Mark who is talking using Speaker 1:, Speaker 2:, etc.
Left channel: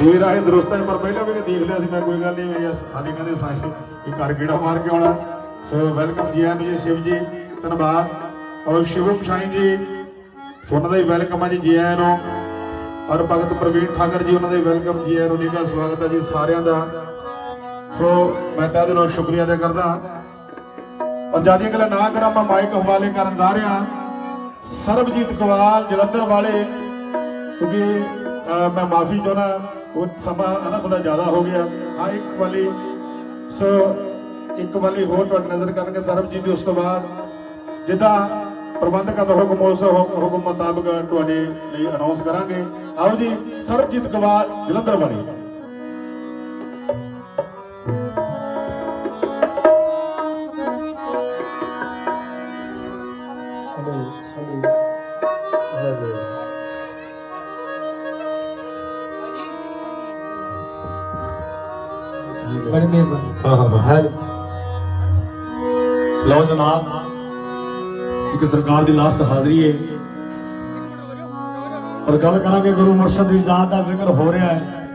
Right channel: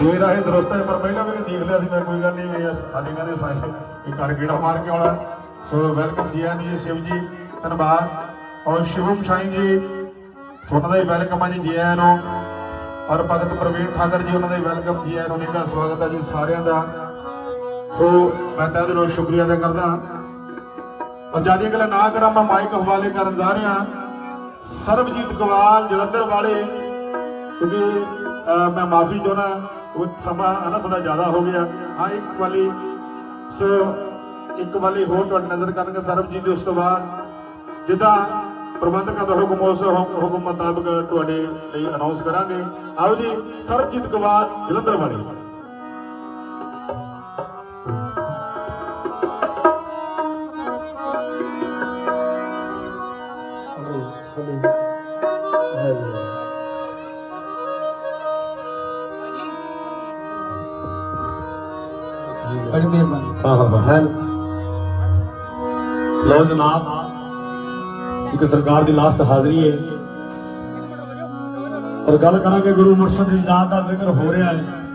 Speaker 1: ਜੇ ਆਏ ਦਰੁਸਤ ਹੈ, ਪਰ ਪਹਿਲਾਂ ਵੀ ਦੇਖ ਲਿਆ ਸੀ ਮੈਂ, ਕੋਈ ਗੱਲ ਨਹੀਂ, ਮੈਂ ਹਾਲੇ ਕਹਿੰਦੇ ਸਾਈ ਇਹ ਕਰ ਗੇੜਾ ਮਾਰ ਕੇ ਆਉਣਾ? ਸੋ ਵੈਲਕਮ ਜੀ ਆਨ ਜੀ, ਸ਼ਿਵ ਜੀ, ਧੰਨਵਾਦ। ਔਰ ਸ਼ਿਵੂ ਪਛਾਈ ਜੀ, ਤੁਹਾਨੂੰ ਦਾ ਵੈਲਕਮ ਆ ਜੀ ਜੀ ਆਇਆਂ ਨੂੰ। ਔਰ ਭਗਤ ਪ੍ਰਵੀਨ ਠਾਕਰ ਜੀ, ਉਹਨਾਂ ਦਾ ਵੈਲਕਮ ਜੀ ਆਇਆਂ ਨੂੰ ਨਿੱਘਾ ਸਵਾਗਤ ਹੈ ਜੀ ਸਾਰਿਆਂ ਦਾ। ਸੋ ਮੈਂ ਤਹਿ ਦਿਲੋਂ ਸ਼ੁਕਰੀਆ ਅਦਾ ਕਰਦਾ ਔਰ ਜ਼ਿਆਦਾ ਗੱਲਾਂ ਨਾ ਕਰਾਂ, ਮੈਂ ਮਾਈਕ ਹਵਾਲੇ ਕਰਨ ਜਾ ਰਿਹਾ ਸਰਬਜੀਤ ਗਵਾਲ ਜਲੰਧਰ ਵਾਲੇ, ਕਿਉਂਕਿ ਮੈਂ ਮਾਫੀ ਚਾਹੁੰਦਾ ਉਹ ਸਮਾਂ ਹਨਾ ਥੋੜਾ ਜ਼ਿਆਦਾ ਹੋ ਗਿਆ। ਹਾਂ ਇੱਕ ਵਾਲੀ ਸੋ, ਇੱਕ ਵਾਲੀ ਹੋਰ ਤੁਹਾਡੀ ਨਜ਼ਰ ਕਰਨਗੇ ਸਰਬਜੀਤ ਦੇ, ਉਸ ਤੋਂ ਬਾਅਦ ਜਿੱਦਾਂ ਪ੍ਰਬੰਧਕਾਂ ਦਾ ਹੁਕਮ, ਉਸ ਹੁਕਮ ਹੁਕਮ ਮੁਤਾਬਕ ਤੁਹਾਡੇ ਲਈ ਅਨਾਉਂਸ ਕਰਾਂਗੇ। ਆਓ ਜੀ, ਸਰਬਜੀਤ ਗਵਾਲ ਜਲੰਧਰ ਵਾਲੇ।
Speaker 2: Hello hello hello.
Speaker 3: ਬੜੀ ਮਿਹਰਬਾਨੀ।
Speaker 2: ਹਾਂ ਹਾਂ ਹੈ। ਲਓ ਜਨਾਬ ਇੱਕ ਸਰਕਾਰ ਦੀ ਲਾਸਟ ਹਾਜ਼ਰੀ ਹੈ। ਪਰ ਗੱਲ ਕਰਾਂਗੇ ਗੁਰੂ ਮੁਰਸ਼ਦ ਦੀ ਜ਼ਾਤ ਦਾ ਜ਼ਿਕਰ ਹੋ ਰਿਹਾ ਹੈ।